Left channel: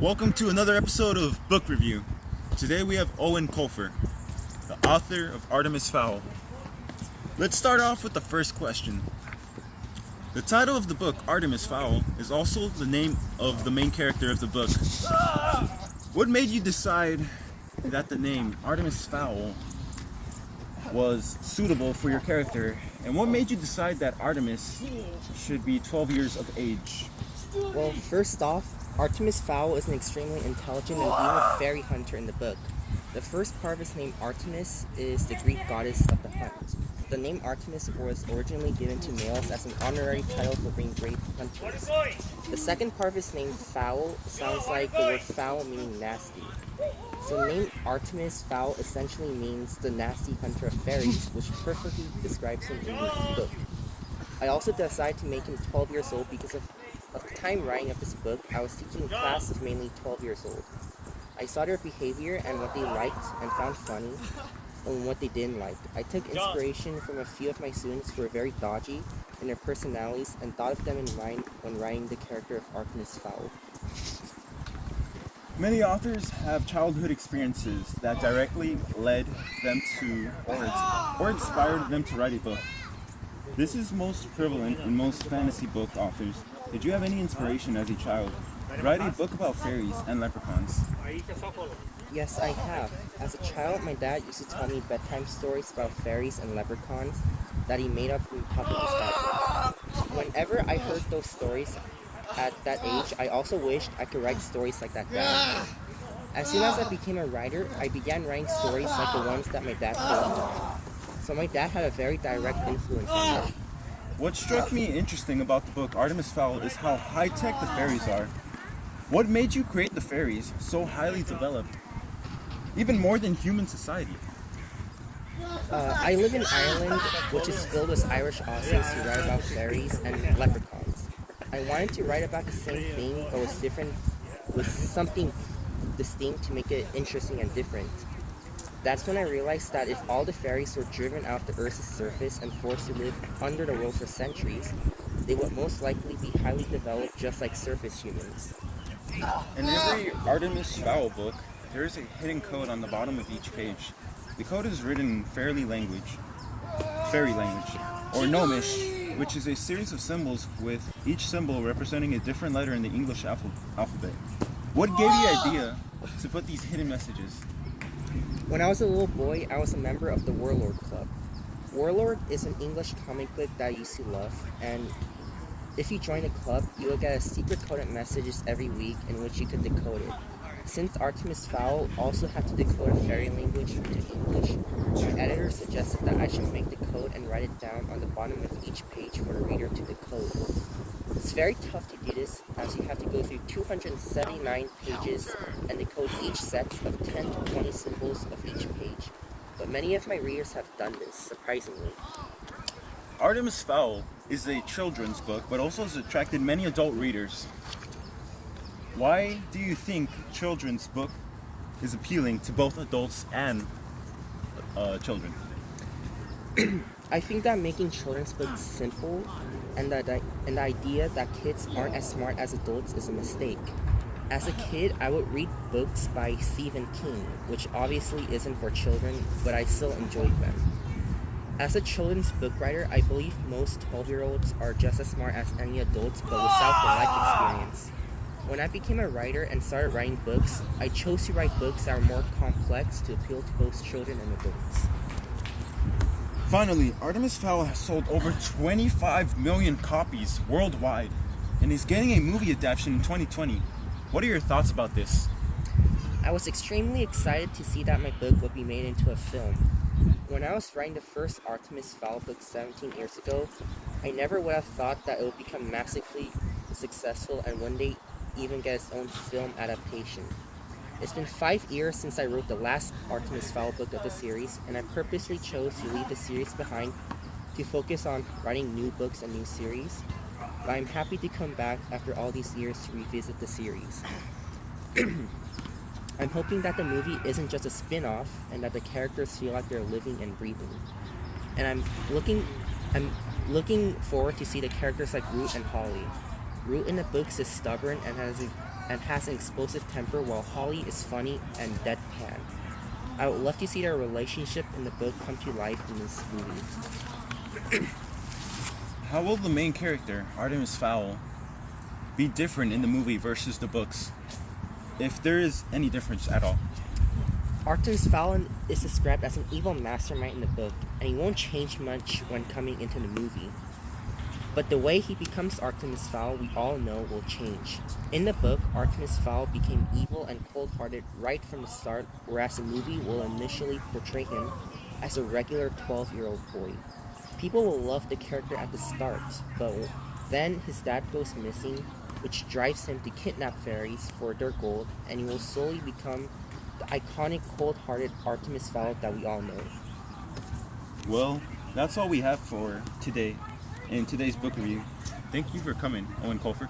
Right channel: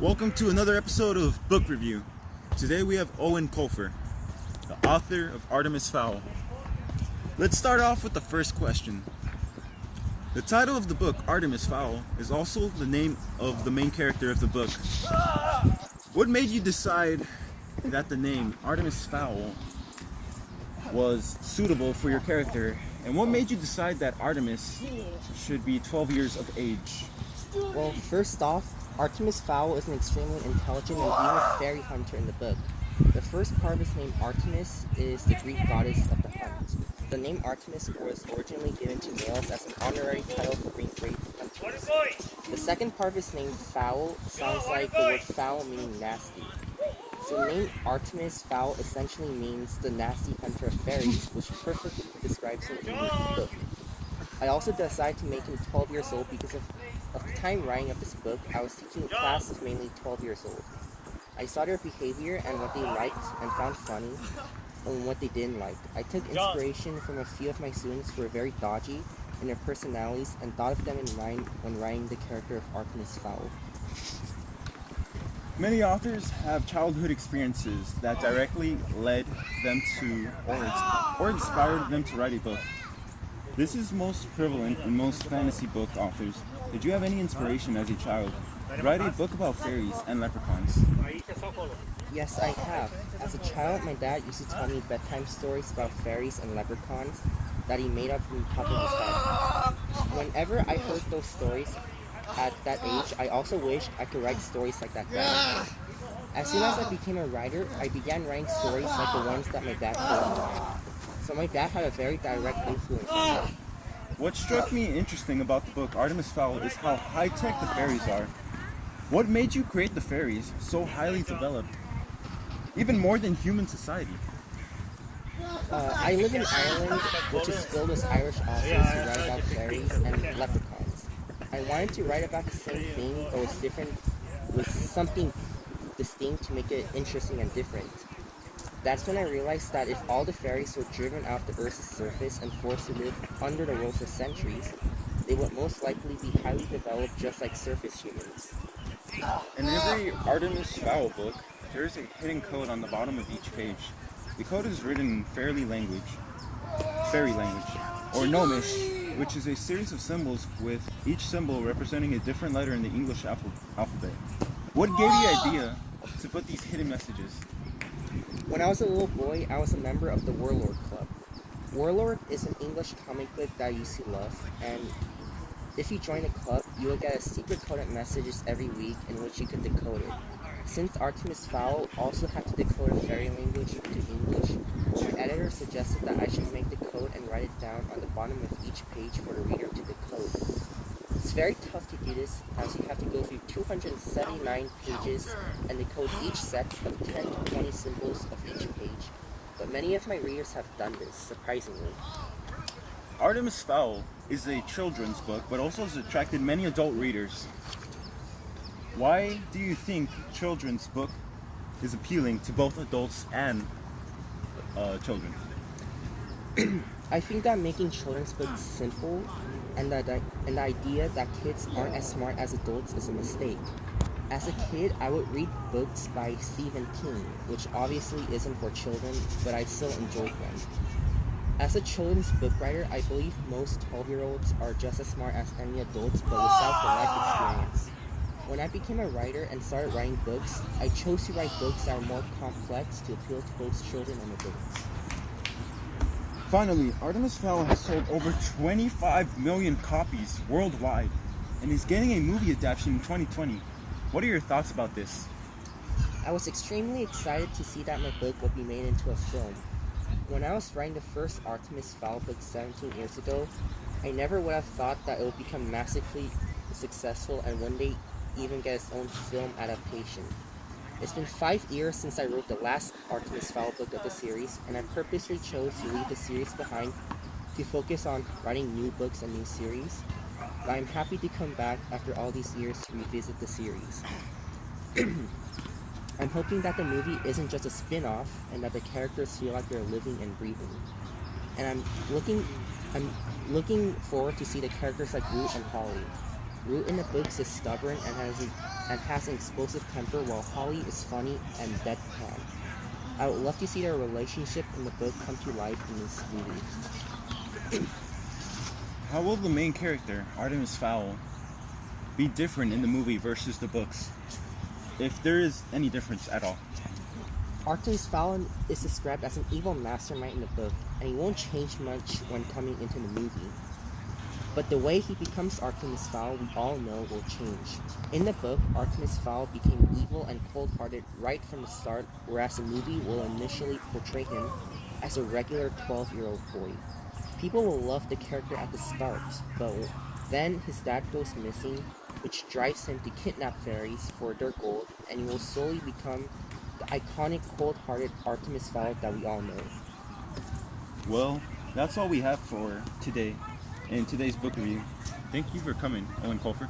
Welcome to another episode of Book Review. Today we have Owen Colfer, the author of Artemis Fowl. Let's start off with the first question. The title of the book, Artemis Fowl, is also the name of the main character of the book. What made you decide that the name Artemis Fowl was suitable for your character? And what made you decide that Artemis should be 12 years of age? Well, first off, Artemis Fowl is an extremely intelligent and evil fairy hunter in the book. The first part of his name, Artemis, is the Greek goddess of the hunt. The name Artemis was originally given to males as an honorary title for being brave hunters. The second part of his name, Fowl, sounds like the word foul meaning nasty. So the name Artemis Fowl essentially means the nasty hunter of fairies, which perfectly describes him in this book. I also decided to make him 12 years old because of the time writing of this book, I was teaching a class of mainly 12 years old. I saw their behavior and what they liked and found funny, and what they didn't like. I took inspiration from a few of my students who were very dodgy in their personalities and thought of them in mind when writing the character of Artemis Fowl. Many authors have childhood experiences that directly led them to or inspired them to write a book. This is most prevalent in most fantasy book authors. Did you have any inspiration as a child to write a book about fairies and leprechauns? Yes, I have. As a child, my dad used to tell me bedtime stories about fairies and leprechauns that he made up from the top of his head. Whenever I heard those stories at that age, I also wished I could write stories like that down. As soon as I became a writer, I began writing stories like the ones that my dad told me. So my dad had a very direct influence on me. What struck me interesting about the book Artemis Fowl is how high-tech the fairies are. What made you create the fairies so highly developed, even more than human society? I live in Ireland, which is filled with Irish authors who write about fairies and leprechauns. I wanted to write about the same thing, but was different, with something distinct to make it interesting and different. That's when I realized that if all the fairies were driven out of the Earth's surface and forced to live under the world for centuries, they would most likely be highly developed just like surface humans. In every Artemis Fowl book, there is a hidden code on the bottom of each page. The code is written in fairy language, or Gnomish, which is a series of symbols with each symbol representing a different letter in the English alphabet. What gave you the idea to put these hidden messages? When I was a little boy, I was a member of the Warlord Club. Warlord is an English comic book that I used to love, and if you join the club, you will get a secret coded messages every week in which you could decode it. Since Artemis Fowl also had to decode in fairy language into English, my editor suggested that I should make the code and write it down on the bottom of each page for the reader to decode. It's very tough to do this, as you have to go through 279 pages and decode each set of 10 to 20 symbols of each page. But many of my readers have done this, surprisingly. Artemis Fowl is a children's book, but also has attracted many adult readers. Why do you think children's book is appealing to both adults and children? I think that making children's books simple and the idea that kids aren't as smart as adults is a mistake. As a kid, I would read books by Stephen King, which obviously isn't for children, but I still enjoyed them. As a children's book writer, I believe most 12-year-olds are just as smart as any adults, but without the life experience. When I became a writer and started writing books, I chose to write books that are more complex to appeal to both children and adults. Finally, Artemis Fowl has sold over 25 million copies worldwide and is getting a movie adaptation in 2020. What are your thoughts about this? I was extremely excited to see that my book would be made into a film. When I was writing the first Artemis Fowl book 17 years ago, I never would have thought that it would become massively successful and one day even get its own film adaptation. It's been 5 years since I wrote the last Artemis Fowl book of the series, and I purposely chose to leave the series behind to focus on writing new books and new series. But I'm happy to come back after all these years to revisit the series. I'm hoping that the movie isn't just a spin-off and that the characters feel like they're living and breathing. And I'm looking forward to see the characters like Root and Holly. Root in the books is stubborn and has an explosive temper, while Holly is funny and deadpan. I would love to see their relationship in the book come to life in this movie. How will the main character, Artemis Fowl, be different in the movie versus the books? If there is any difference at all. Artemis Fowl is described as an evil mastermind in the book, and he won't change much when coming into the movie. But the way he becomes Artemis Fowl, we all know, will change. In the book, Artemis Fowl became evil and cold-hearted right from the start, whereas the movie will initially portray him as a regular 12-year-old boy. People will love the character at the start, but then his dad goes missing, which drives him to kidnap fairies for their gold, and he will slowly become the iconic cold-hearted Artemis Fowl that we all know. Well, that's all we have for today in today's book review. Thank you for coming, Owen Colfer.